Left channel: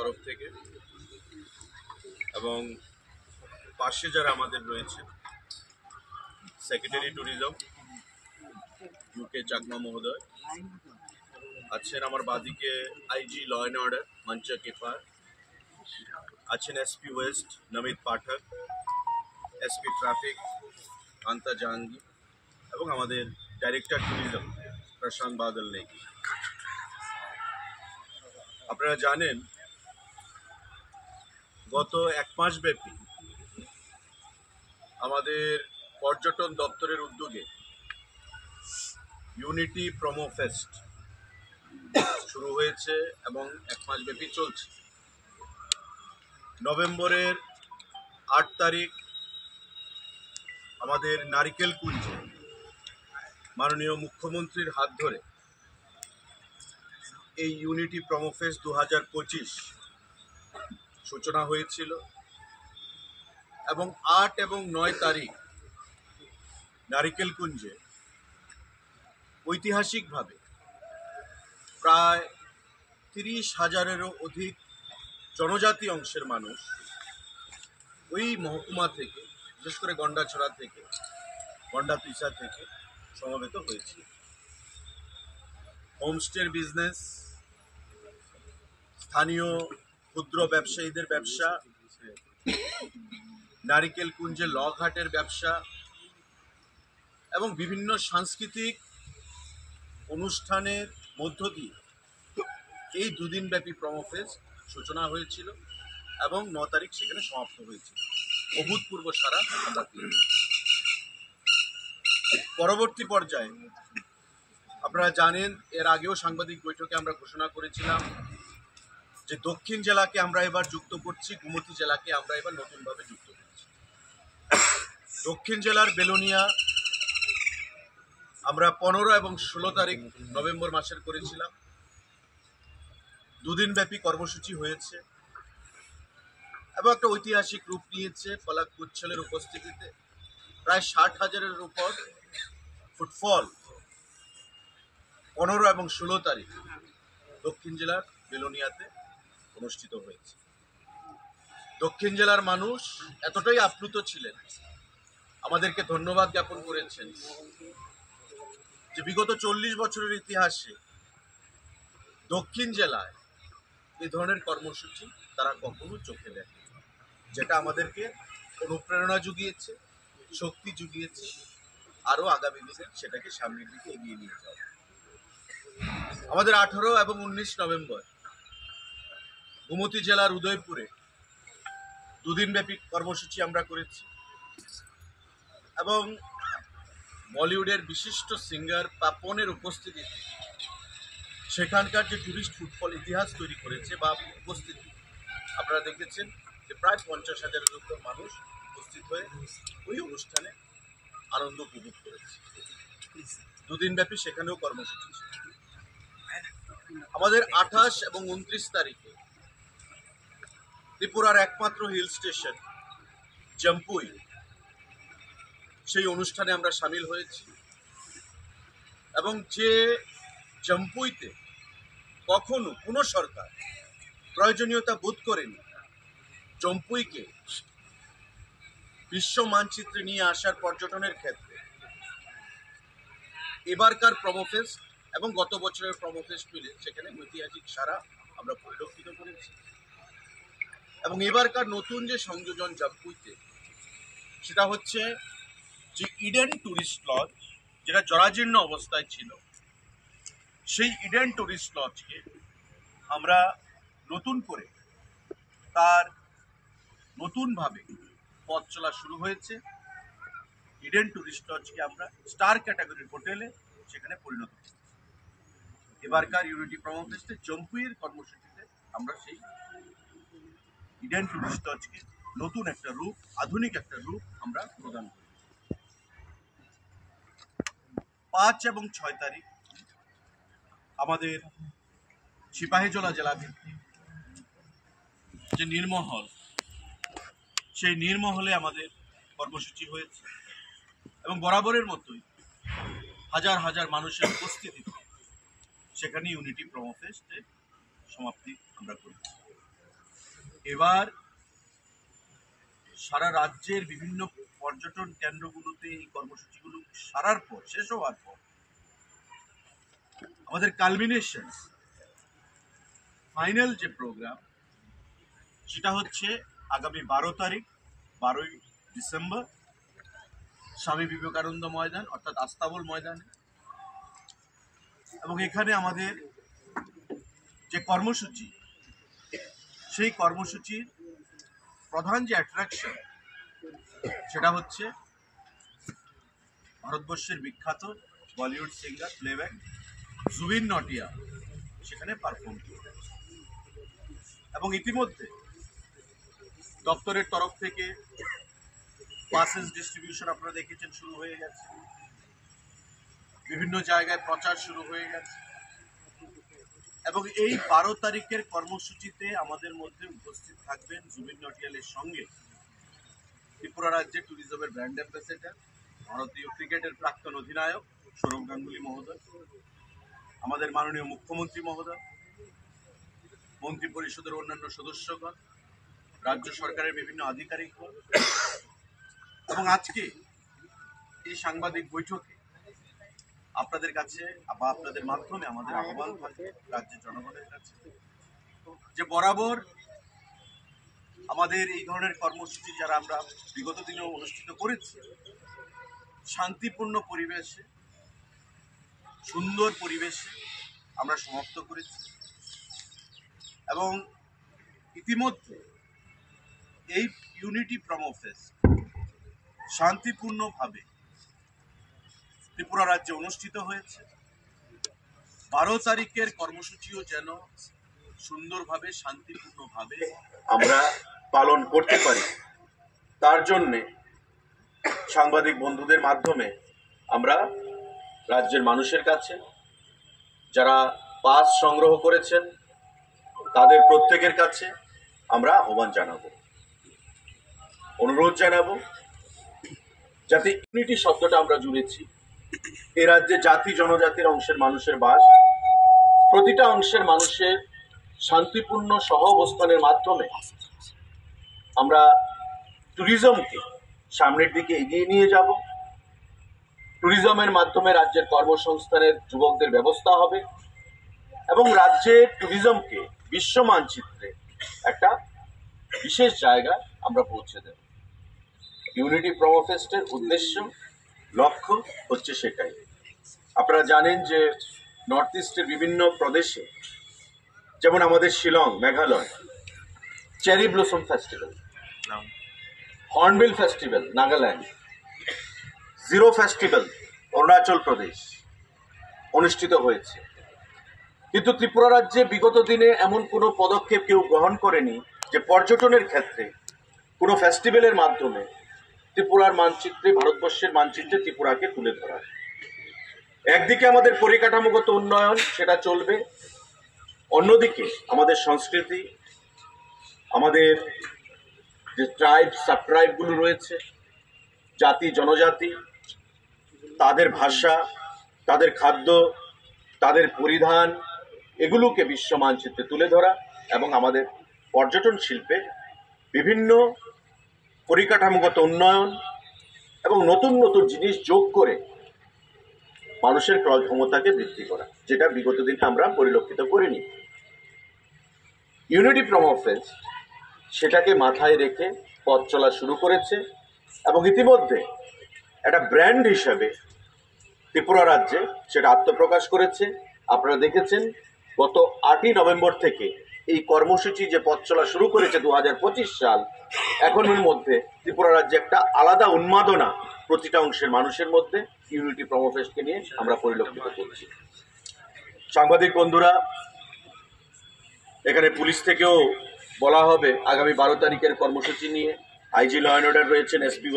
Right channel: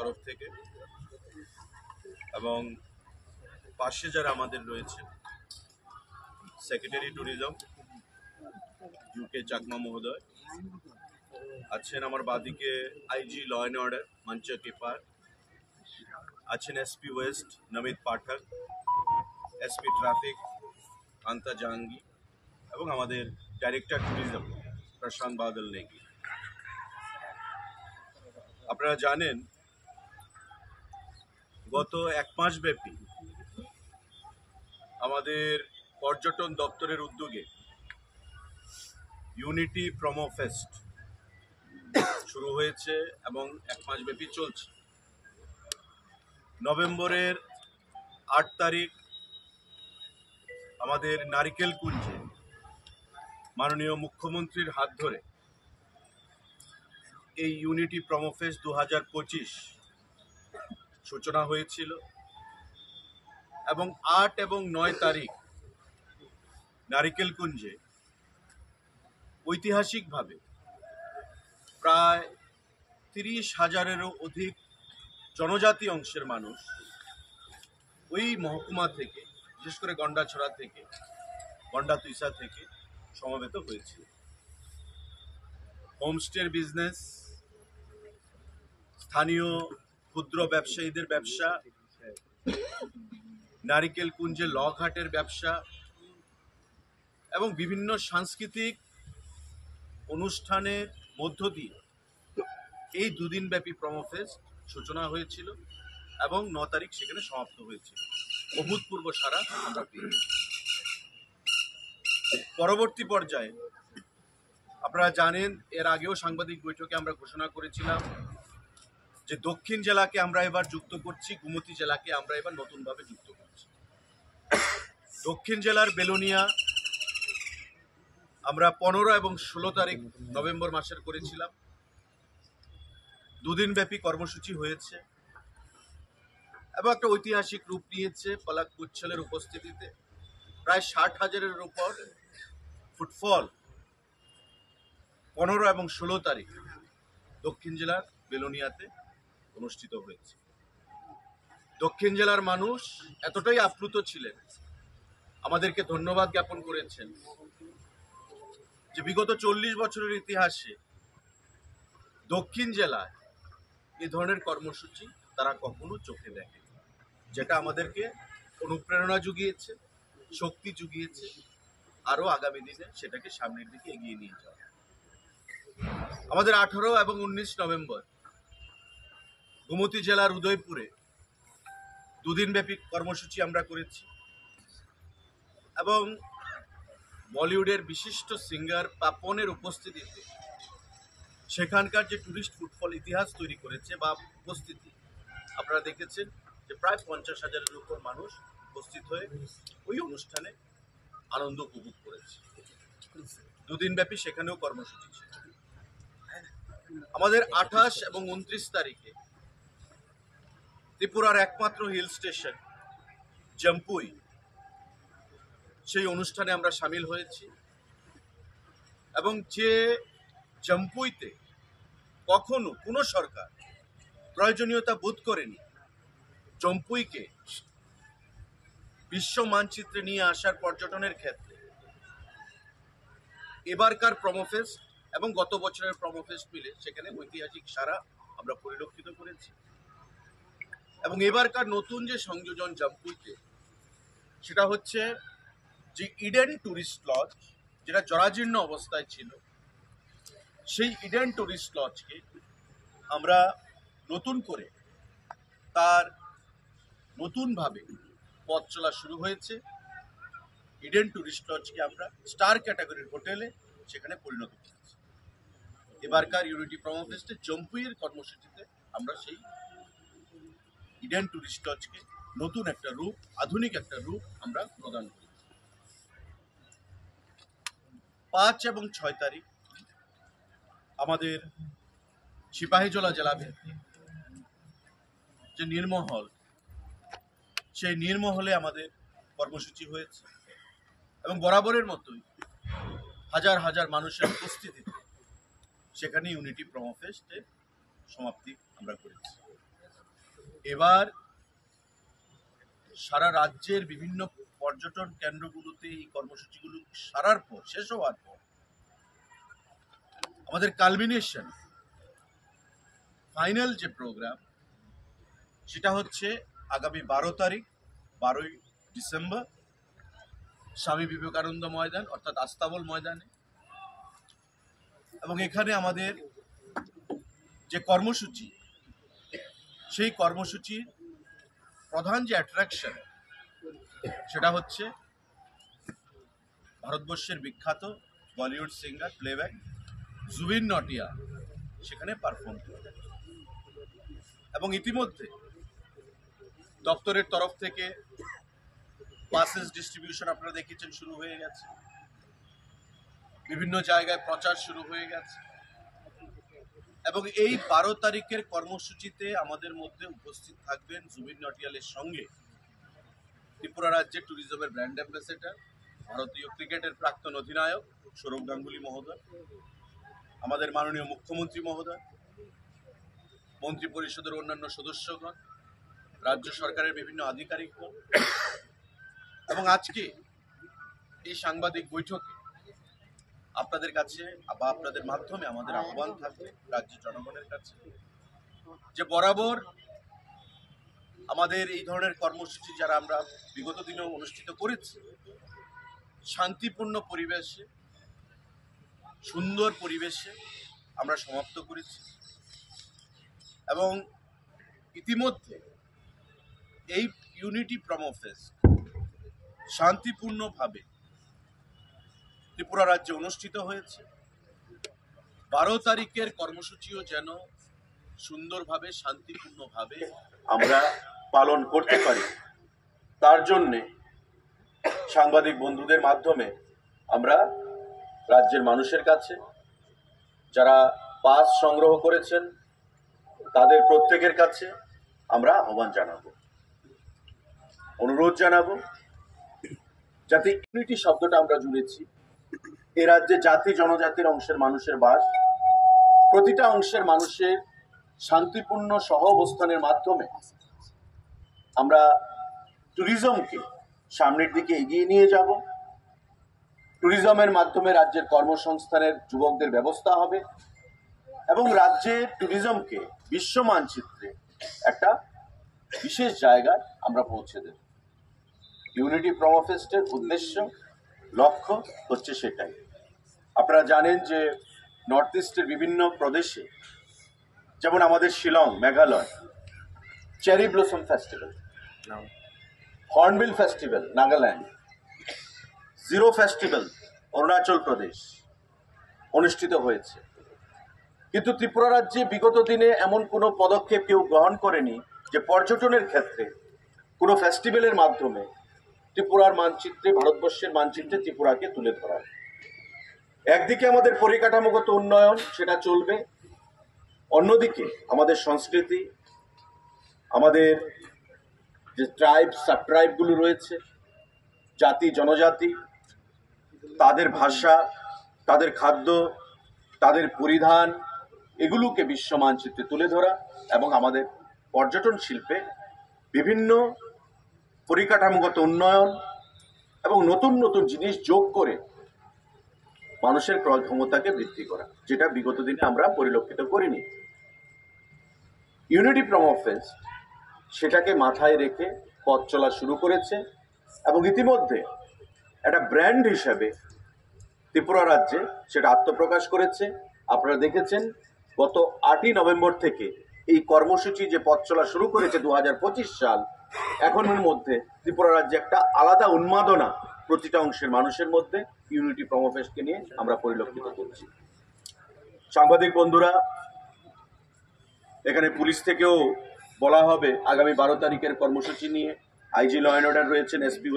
তরফ থেকে এবং পাশে যারা আমাদের রয়েছে সেক্রেটারি ট্যুরিজম ইউকে চাকমা মহোদয় আছেন, আমার বাদিকে আইজি ল অ্যান্ড অর্ডার মঞ্চা কেফার আছেন, এসপি ওয়েস্ট নমিত পাঠক, এসপি ট্রাফিক কান্তা জাহাঙ্গীর এবং আমাদের ডাইরেক্টর ট্যুরিজম প্রশান্ত বাদল নেগি। আপনারা জানেন গত এক মাস ব্যাপী আমাদের পর্যটন দপ্তরের উদ্যোগে ইউনিটি প্রোমো ফেস্ট শুরু হয়েছে এবং এক মাস ব্যাপী চলছে। নভেম্বরের 8 তারিখ আমাদের নারিকেল কুঞ্জে মাননীয় মুখ্যমন্ত্রীর হাত ধরে এই ইউনিটি প্রোমো ফেস্ট 2025 সূচনা হয়েছিল এবং 8 এবং 9 তারিখ নারিকেল কুঞ্জে ঐতিহাসিকভাবে প্রায় 30,000-এরও অধিক জনজাতি অংশের মানুষ ওই মহকুমা থেকে, বিশেষ করে গন্ডাছড়া থেকে, গন্ডাতুইসা থেকে সমবেত হয়েছে। হোমস্টের বিজনেস, স্থানীয় ক্ষুদ্র ব্যবসায়ীদের ব্যবসা, নারিকেল কুঞ্জে লঘাটের ব্যবসা এবং বিভিন্ন সাংস্কৃতিক অনুষ্ঠানের মধ্য দিয়ে এই দুদিনব্যাপী প্রোমো ফেস্ট সূচনা হয়েছিল এবং 9 তারিখ সেখানে সমাপ্ত হয়েছিল। অভূতপূর্ব সাড়া আমরা পেয়েছি। পরবর্তী পর্যায়ে আপনারা জানেন, এর আগেও সাংবাদিক বৈঠকে আমরা ঘোষণা করেছিলাম যে দক্ষিণ জেলাকে আমরা এবার যুক্ত করছি, গোমতী জেলাকে আমরা এবার নতুনভাবে যুক্ত করছি। দক্ষিণ জেলার বেলোনিয়া আমরা 15 এবং 16 তারিখ নভেম্বর মাসের করেছিলাম। দুদিনব্যাপী কর্মসূচি হয়েছে এবং একটা ঐতিহাসিক রূপ নিয়েছে। ফলাক গুচ্ছলের উপস্থিতিতে প্রায় 60,000-এর উপর ফুটফল 15 এবং 16 তারিখ দক্ষিণ জেলার বেলোনিয়াতে অনুষ্ঠিত হয়েছে। দক্ষিণ জেলার মানুষ এতটাই আপ্লুত ছিলেন, আমাদেরকে ধন্যবাদ জ্ঞাপন করেছেন যে বিগত 40 বছরের ইতিহাসে দক্ষিণ জেলায় এই ধরনের কর্মসূচি তারা কখনো চোখে দেখে, যেটা আমাদেরকে অনুপ্রেরণা জুগিয়েছে, শক্তি জুগিয়েছে আরও আগামী দিনে সেটাকে সামনের দিকে এগিয়ে নিয়ে যাওয়া। আমাদের 18 এবং 19 নভেম্বর গোমতী জেলার উদয়পুরে দুদিনব্যাপী কর্মসূচি আমরা করেছি এবং বলিউডের বিশিষ্ট সিঙ্গার পাপনের উপস্থিতিতে সেখানকার যে টুরিস্ট ফুটফল ইতিহাস তৈরি করেছে বা উপস্থিতি আপনারা দেখেছেন যে প্রায় 50,000-এর উপর মানুষ উপস্থিত হয়ে ওই অনুষ্ঠানে আনন্দ উপভোগ করেছে। দুদিনব্যাপী সেখানেও কর্মসূচি ছিল। আমাদের 28 এবং 29 তারিখে ত্রিপুরার একমাত্র হিল স্টেশন জম্পুই, সেই অনুষ্ঠানে আমরা সামিল হয়েছি এবং যে জম্পুইতে কখনো কোনো সরকার প্রয়োজনীয়তা বোধ করেনি জম্পুইকে বিশ্ব মানচিত্রে নিয়ে আসার পর্যটনের ক্ষেত্রে, এবারকার প্রোমো ফেস্ট এবং গত বছরের প্রোমো ফেস্ট মিলে সেখানে ঐতিহাসিক সাড়া আমরা পরিলক্ষিত করেছি। এবং এবারকার নতুন যে সংযোজন জম্পুইতে, সেটা হচ্ছে যে ইডেন ট্যুরিস্ট লজ, যেটা জরাজীর্ণ অবস্থায় ছিল, সেই ইডেন ট্যুরিস্ট লজকে আমরা নতুন করে তার নতুনভাবে পথ চলা শুরু হয়েছে। ইডেন ট্যুরিস্ট লজকে আমরা স্টার ক্যাটাগরির হোটেলে সেখানে পরিণত করেছি। এবারকার ইউনিটি প্রোমো ফেস্টে জম্পুইয়ের কর্মসূচিতে আমরা সেই ইডেন ট্যুরিস্ট লজকে নতুন একটা রূপ, আধুনিক একটা রূপ আমরা প্রদান করি। 5 এবং 6 তারিখ আমাদের সিপাহীজলা জেলা ভিত্তিক যে নীরমহল, সেই নীরমহলে আমাদের কর্মসূচি হয়েছে এবং বরাবরের মতোই হাজার হাজার মানুষের উপস্থিতিতে সেখানে ইউনিটি প্রোমো ফেস্টের সমাপ্তি আমরা করেছি। এবার সারা রাজ্যের বিভিন্ন পর্যটন কেন্দ্রগুলোতে এই কর্মসূচিগুলো সারার পর, শেষ হওয়ার পর, আমাদের কালমিনেশন ফাইনাল যে প্রোগ্রাম, সেটা হচ্ছে আগামী 12 ডিসেম্বর স্বামী বিবেকানন্দ ময়দান অর্থাৎ আস্তাবল ময়দানে। এবং এখানে আমাদের যে কর্মসূচি, সেই কর্মসূচির প্রধান যে অ্যাট্রাকশন সেটা হচ্ছে ভারতবর্ষের বিখ্যাত বলিউড সিঙ্গার প্লেব্যাক জুবিন নটিয়াল সেখানে পারফর্ম করবে। এবং ইতিমধ্যে দপ্তরের তরফ থেকে পাসেস ডিস্ট্রিবিউশন আপনারা দেখেছেন শুরু হয়ে গেছে, বিভিন্ন জায়গায় প্রচার শুরু হয়ে গেছে। এবং এই 12 তারিখের কর্মসূচিতে আমাদের মধ্যে উপস্থিত থাকবেন জুবিন নটিয়ালের সঙ্গে ত্রিপুরা রাজ্যের ট্যুরিজমের ব্র্যান্ড অ্যাম্বাসেডর, ভারতীয় ক্রিকেটের প্রাক্তন অধিনায়ক সৌরভ গাঙ্গুলি মহোদয়, আমাদের মাননীয় মুখ্যমন্ত্রী মহোদয়, মন্ত্রী পরিষদের অন্যান্য সদস্যগণ, রাজ্য সরকারের বিভিন্ন আধিকারিকগণ। এবং আজকে এই সাংবাদিক বৈঠকে আপনাদের কাছে বা আপনাদের মাধ্যমে আমাদের আহ্বান থাকে রাজ্যের জনগণের কাছে যে বরাবর আমাদের এই ধরনের কর্মসূচি যারা আমরা বিগত দিনেও অনুষ্ঠিত করেছি, শান্তিপূর্ণ পরিবেশে, সুন্দর পরিবেশে আমরা সমাপ্ত করেছি। এবং ইতিমধ্যে এই ইউনিটি প্রমো ফেস্ট শান্তিপূর্ণভাবে ত্রিপুরা রাজ্যে অনুষ্ঠিত হয়েছে। 12 তারিখের কর্মসূচিও যেন সুন্দরভাবে, শান্তিপূর্ণভাবে আমরা পালন করতে পারি, তার জন্যে সাংবাদিক বন্ধুদের মাধ্যমে আমরা রাজ্যের মানুষের কাছে যারা পাস সংগ্রহ করেছেন তাদের প্রত্যেকের কাছে আমরা আহ্বান জানাবো, অনুরোধ জানাবো, যাতে ইউনিটি শব্দটা আমরা জুড়েছি। এ রাজ্যে জাতি জনজাতির অংশের মানুষের বাস, প্রতিটা অংশের মানুষের শান্তিপূর্ণ সহ অবস্থানের মাধ্যমে আমরা ট্যুরিজমকে সামনের দিকে এগিয়ে নিয়ে যাব। ট্যুরিজমের মাধ্যমে রাজ্যের কর্মসংস্থানের যুবকদের ব্যবস্থা হবে এবং রাজ্যের ট্যুরিজমকে বিশ্ব মানচিত্রে একটা বিশেষ জায়গায় আমরা পৌঁছে দেব। ইউনিটি প্রমো ফেস্টের উদ্দেশ্য, লক্ষ্য হচ্ছে সেটাই। আপনারা জানেন যে নর্থ ইস্টের বিভিন্ন প্রদেশে, যেমন আমাদের Shillong, Meghalaya, cherry blossom festival, hornbill festival Nagaland, Ziro festival Arunachal Pradesh অনুষ্ঠিত হয়েছে। কিন্তু ত্রিপুরা রাজ্যে বিগত দিনে এমন কোনো পদক্ষেপ কেউ গ্রহণ করেনি যে পর্যটনের ক্ষেত্রে কোনো ফেস্টিভ্যালের মাধ্যমে ত্রিপুরার মানচিত্রে, ভারতবর্ষের মানচিত্রে ত্রিপুরাকে তুলে ধরা। একদিকে আমাদের পরিকাঠামোগত উন্নয়ন সেটা চলবে, অন্যদিকে আমাদের সংস্কৃতি, আমাদের যে ট্রাইব, সাব ট্রাইবগুলো রয়েছে, জাতি জনজাতি, তাদের ভাষা, তাদের খাদ্য, তাদের পরিধান, এগুলোকে বিশ্ব মানচিত্রে তুলে ধরা এবং আমাদের পর্যটন শিল্পে বিভিন্ন পরিকাঠামোগত উন্নয়ন এবং নতুন নতুন জিনিস যোগ করে মানুষের ক্রয় ক্ষমতাকে বৃদ্ধি করা, যেটা বিগত দিনে আমরা পরিলক্ষিত করিনি। ইউনিটি প্রমো ফেস্ট সেটাকে মাথায় রেখে পথ চলা শুরু করেছে এবং ইতিমধ্যে একটা ব্র্যান্ড হিসেবে ত্রিপুরা রাজ্যে সেটা আত্মপ্রকাশ করেছে। আপনারা দেখেছেন গত 8ই নভেম্বর থেকে এই কর্মসূচি যে পথ চলা শুরু করেছে 2025 সাল, এখনের মধ্যে ত্রিপুরা রাজ্যে একটা আলাদা উন্মাদনা প্রতিটা অংশের মানুষের মধ্যে ইউনিটি প্রমো ফেস্টকে নিয়ে আমরা পরিলক্ষিত করছি। সাংবাদিক বন্ধুরা, এখানে পুলিশ থেকেও বলা হবে আগামী 12 তারিখের কর্মসূচি নিয়ে। আইজি ল অ্যান্ড অর্ডার রয়েছেন, এসপি